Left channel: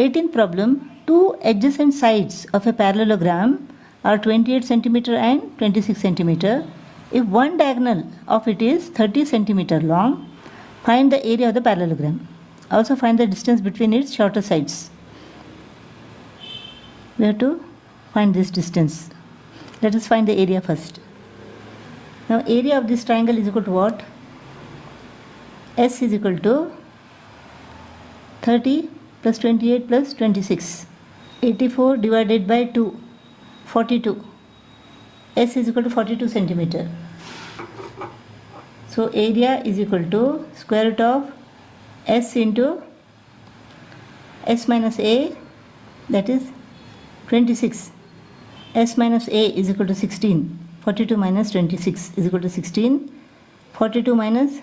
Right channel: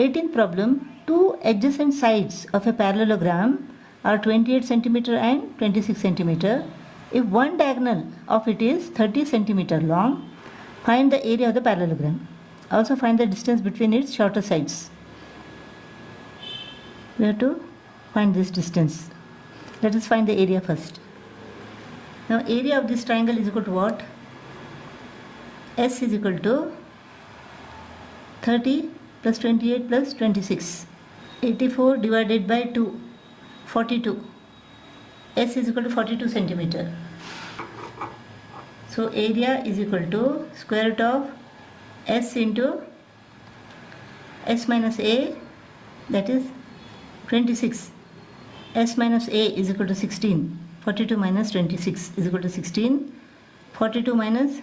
18th problem, two adjacent sides of a parallelogram are 28 centimeter and 26 centimeter. If one diagonal of it is 30 centimeter long, find the area of the parallelogram. Also find the distance between its shorter sides. We have to find this distance. Let us find the area first. Now area of this triangle is equal to what? S is equal to 30 plus 28 plus 26. 84 divided by 2, 42. S is equal to 42 centimeter. So area is equal to square root of S into S minus A, that is 26. S minus A is equal to 16. 42 minus 26 is equal to 16. 42 minus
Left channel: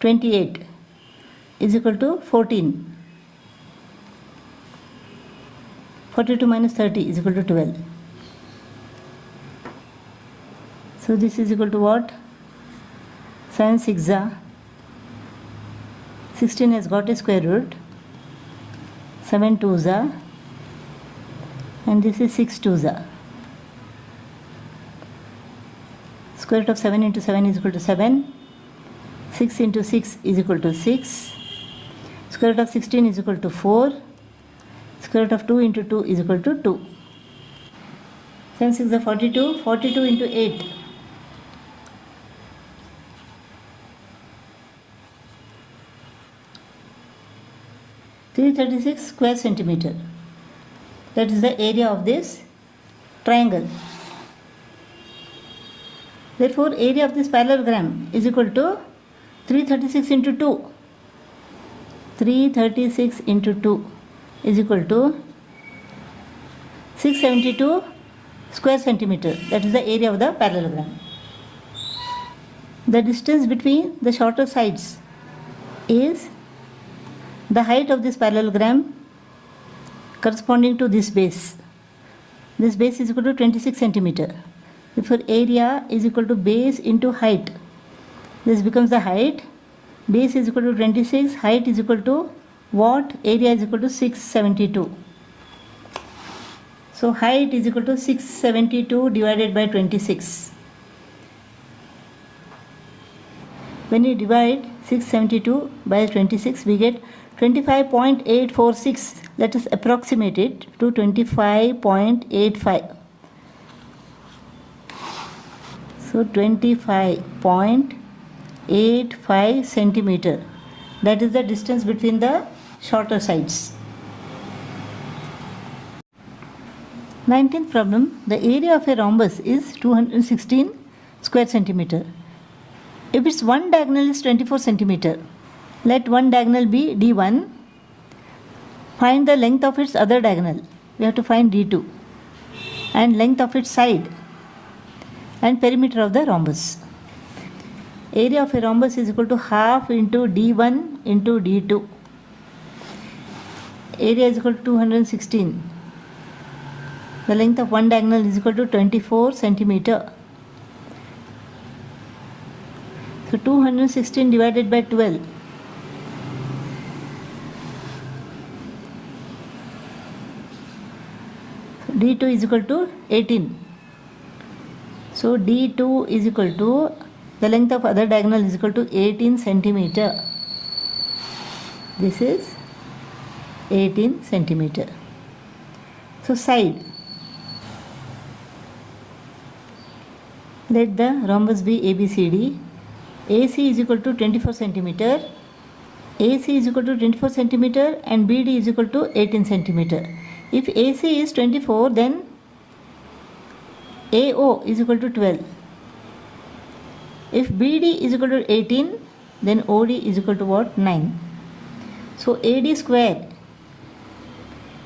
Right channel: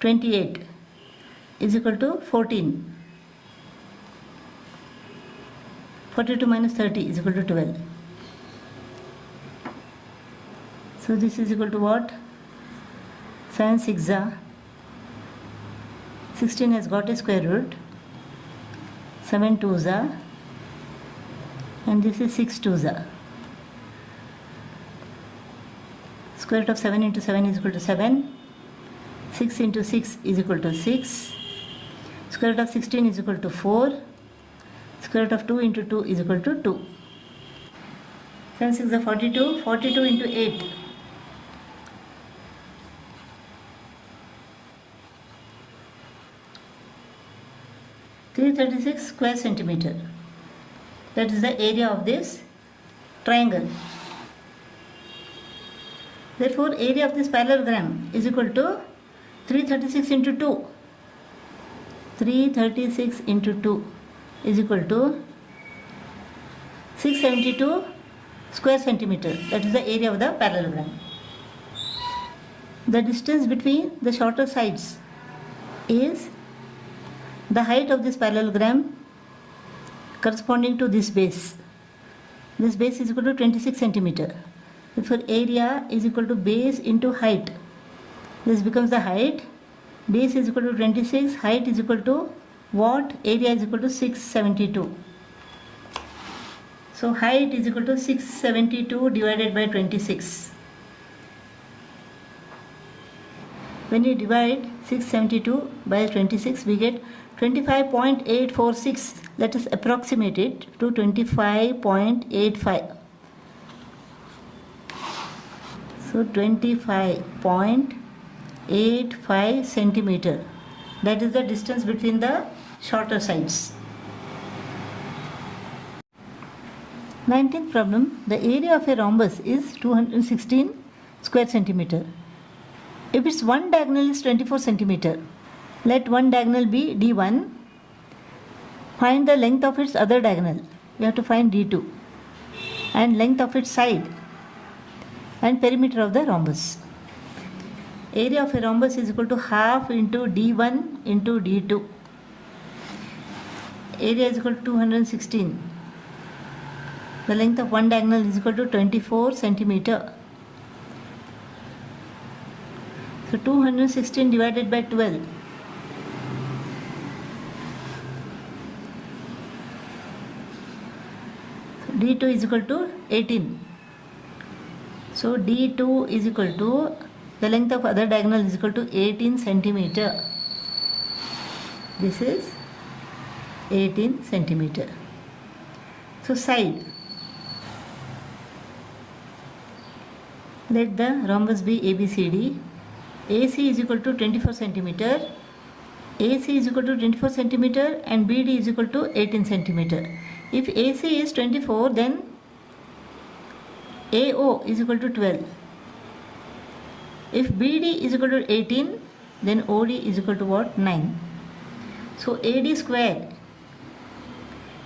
28 is equal to 14. 42 minus 30 is equal to 12. So this is equal to what? 7 6 are 16 has got a square root. 7 2s are, and this is 6 2s are. Square root of 7 into 7 is equal to 7. 6 into 6 is equal to 6. Square root of 16 is equal to 4. Square root of 2 into 2 is equal to 2. 7 6 is 42. 42 into 8. 336 square centimeter. That is the area of this triangle. Therefore, area of this parallelogram is equal to 336 into 2. 336 into 2 is equal to 672 square centimeter. That is the area of the parallelogram. The distance between the shorter sides is the height of this parallelogram corresponding to this base. This base is equal to 26 centimeter. Therefore, area is equal to base into height. This becomes the height. Base is equal to 26. Height is equal to what? Area is equal to 672. So height is equal to 672 divided by 26. When you divide 672 by 26, we get 25.846. Let us approximate it to 25.85. So 25.85 centimeter. That is the distance between the shorter sides. 19th problem. The area of a rhombus is 216 square centimeter. If its one diagonal is 24 centimeter, let one diagonal be D1. Find the length of its other diagonal. We have to find D2. And length of its side. And perimeter of the rhombus. Area of a rhombus is equal to half into D1 into D2. Area is equal to 216. The length of one diagonal is equal to 24 centimeter. So 216 divided by 12. D2 is equal to 18. So D2 is equal to, the length of other diagonal is equal to 18 centimeter. This is 18 centimeter. So side. Let the rhombus be ABCD. AC is equal to 24 centimeter. AC is equal to 24 centimeter and BD is equal to 18 centimeter. If AC is 24, then AO is equal to 12. If BD is equal to 18, then OD is equal to what? 9. So AD square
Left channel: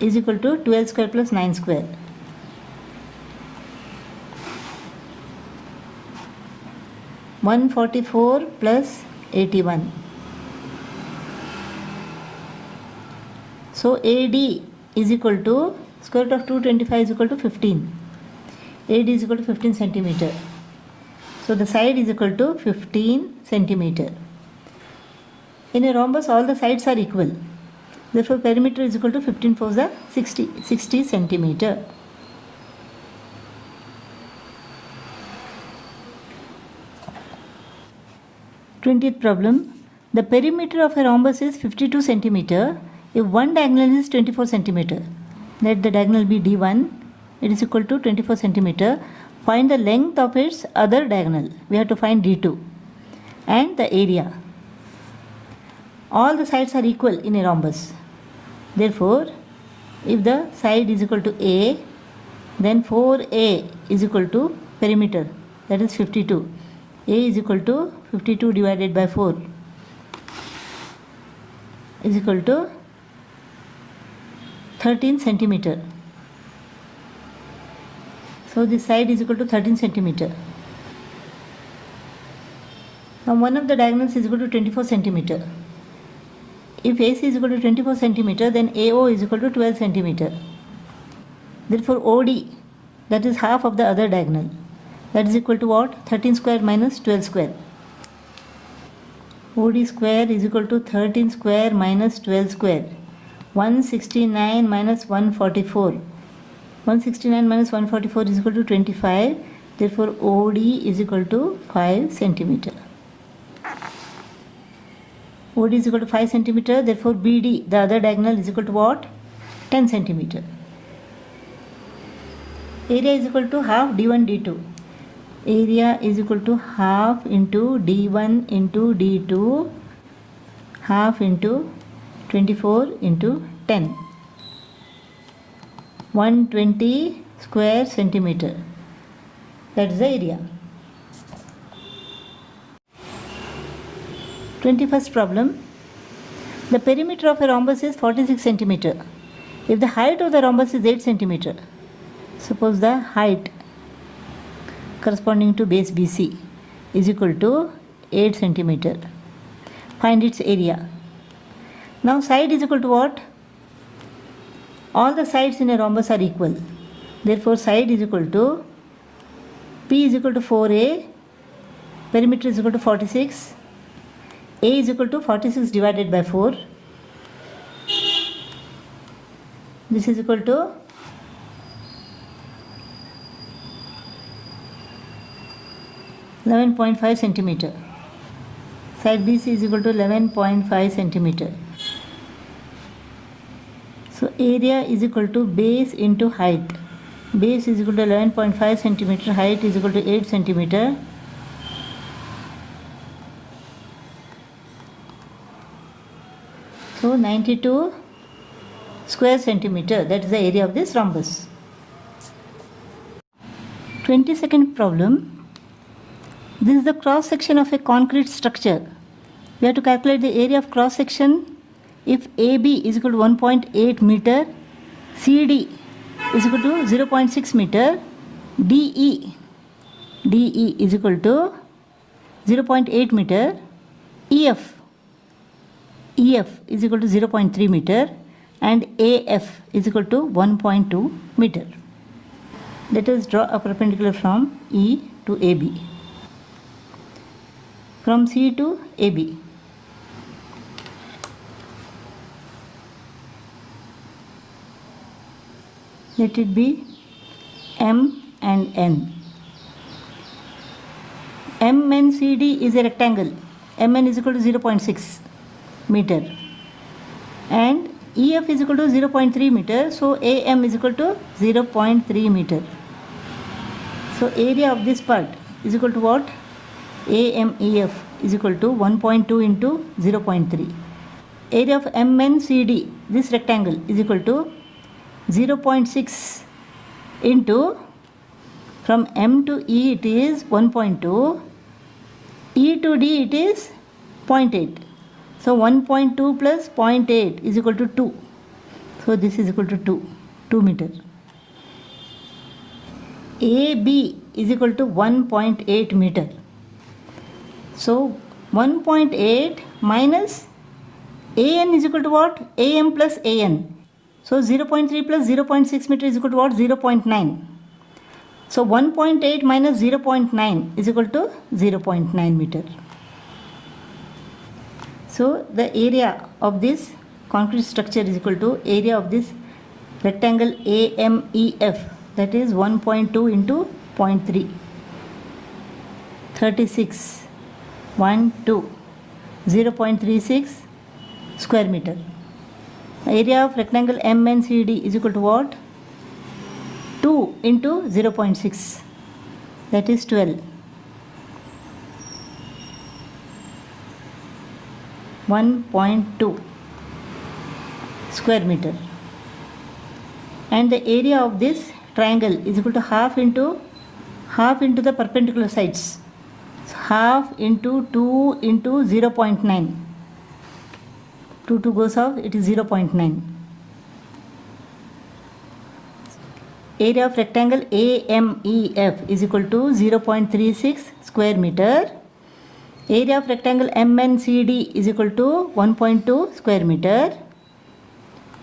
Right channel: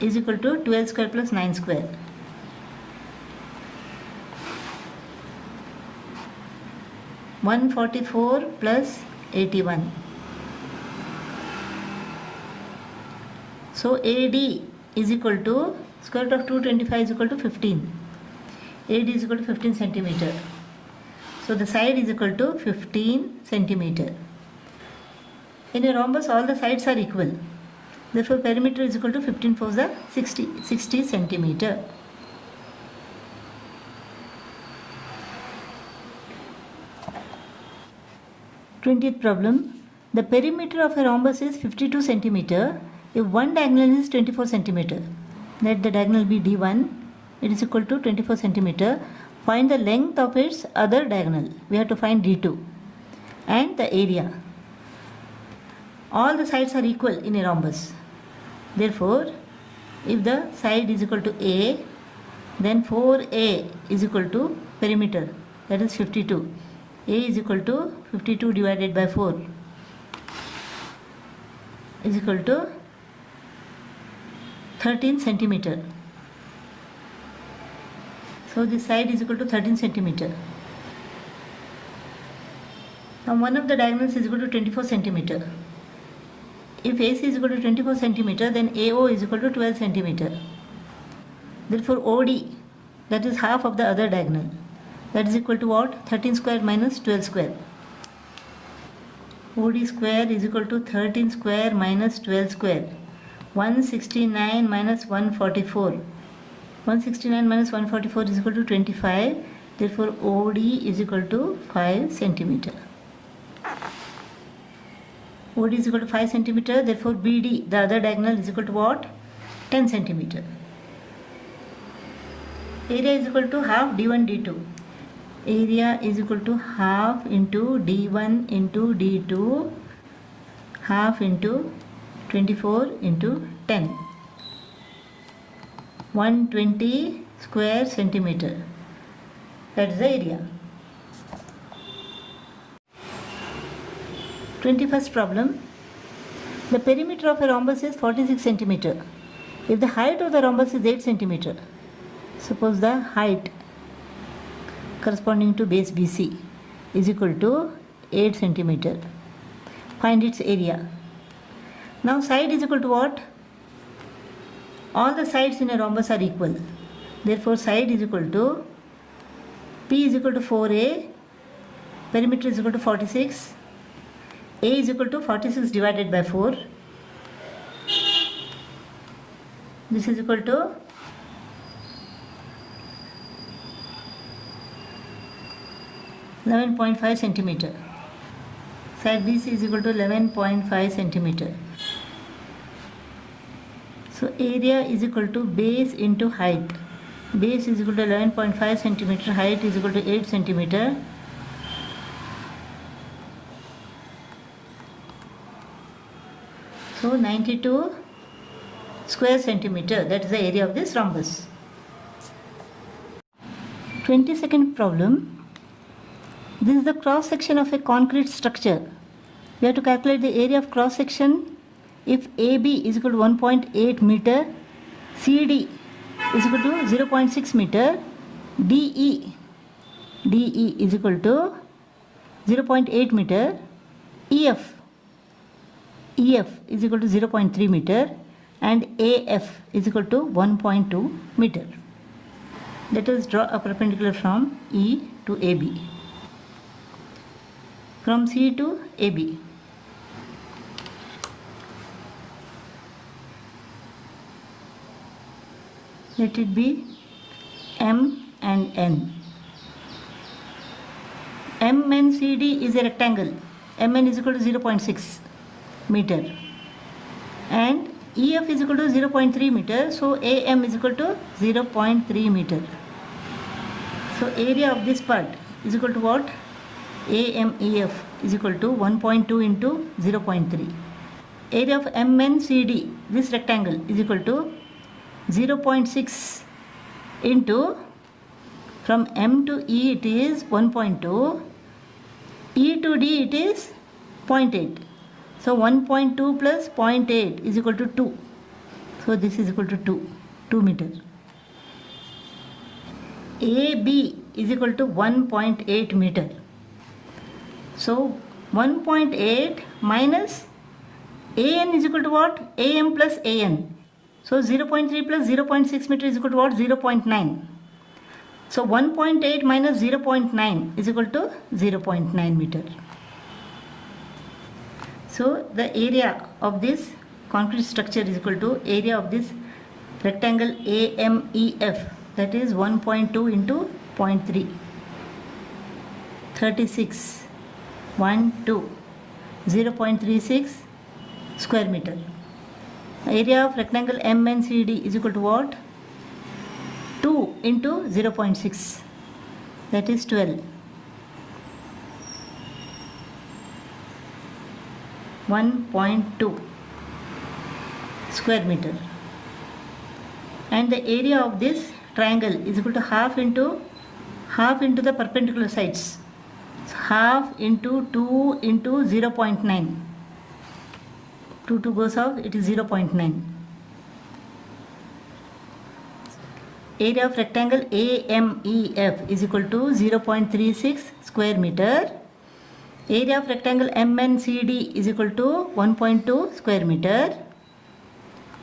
is equal to 12 square plus 9 square. (144 plus 81). So AD is equal to square root of 225 is equal to 15. AD is equal to 15 centimeter. So the side is equal to 15 centimeter. In a rhombus, all the sides are equal. Therefore, perimeter is equal to 15 fours are 60 centimeter. Twentieth problem. The perimeter of a rhombus is 52 centimeter if one diagonal is 24 centimeter. Let the diagonal be D1. It is equal to 24 centimeter. Find the length of its other diagonal. We have to find D2 and the area. All the sides are equal in a rhombus. Therefore, if the side is equal to A, then 4A is equal to perimeter, that is 52. A is equal to 52 divided by 4 is equal to 13 centimeter. So this side is equal to 13 centimeter. Now one of the diagonals is equal to 24 centimeter. If AC is equal to 24 centimeter, then AO is equal to 12 centimeter. Therefore OD, that is half of the other diagonal, that is equal to what? 13 square minus 12 square. OD square is equal to 13 square minus 12 square. 169 minus 144. 169 minus 144 is equal to 25. Therefore OD is equal to 5 centimeter. OD is equal to 5 centimeter. Therefore BD, the other diagonal, is equal to what? 10 centimeter. Area is equal to half D1 D2. Area is equal to half into D1 into D2, half into 24 into 10. 120 square centimeter. That is the area. 21st problem. The perimeter of a rhombus is 46 centimeter. If the height of the rhombus is 8 centimeter, suppose the height corresponding to base BC is equal to 8 centimeter. Find its area. Now side is equal to what? All the sides in a rhombus are equal. Therefore side is equal to P is equal to 4A, perimeter is equal to 46, A is equal to 46 divided by 4. This is equal to 11.5 centimeter. Side BC is equal to 11.5 centimeter. So area is equal to base into height. Base is equal to 11.5 centimeter. Height is equal to 8 centimeter. So 92 square centimeter. That is the area of this rhombus. 22nd problem. This is the cross section of a concrete structure. We have to calculate the area of cross section if AB is equal to 1.8 meter, CD is equal to 0.6 meter, DE is equal to 0.8 meter, EF is equal to 0.3 meter, and AF is equal to 1.2 meter. Let us draw a perpendicular from E to AB. From C to AB. Let it be M and N. MNCD is a rectangle. MN is equal to 0.6 meter. And EF is equal to 0.3 meter. So AM is equal to 0.3 meter. So area of this part is equal to what? AMEF is equal to 1.2 into 0.3. Area of MNCD, this rectangle, is equal to 0.6 into, from M to E it is 1.2, E to D it is 0.8. So 1.2 plus 0.8 is equal to 2. So this is equal to 2 meter. AB is equal to 1.8 meter. So 1.8 minus AN is equal to what? AM plus AN. So 0.3 plus 0.6 meter is equal to what? 0.9. So 1.8 minus 0.9 is equal to 0.9 meter. So the area of this concrete structure is equal to area of this rectangle AMEF, that is 1.2 into 0.3, 36, 1, 2, 0.36 square meter. Area of rectangle MNCD is equal to what? 2 into 0.6, that is 12. 1.2 square meter. And the area of this triangle is equal to half into the perpendicular sides. So half into 2 into 0.9. 2 goes off, it is 0.9. Area of rectangle AMEF is equal to 0.36 square meter. Area of rectangle MNCD is equal to 1.2 square meter.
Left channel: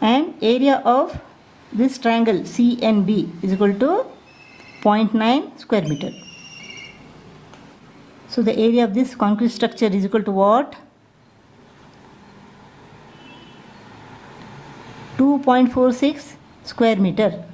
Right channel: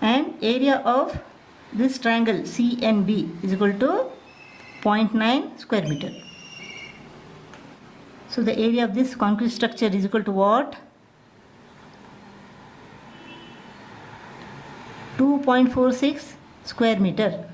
And area of this triangle CNB is equal to 0.9 square meter. So the area of this concrete structure is equal to what? 2.46 square meter.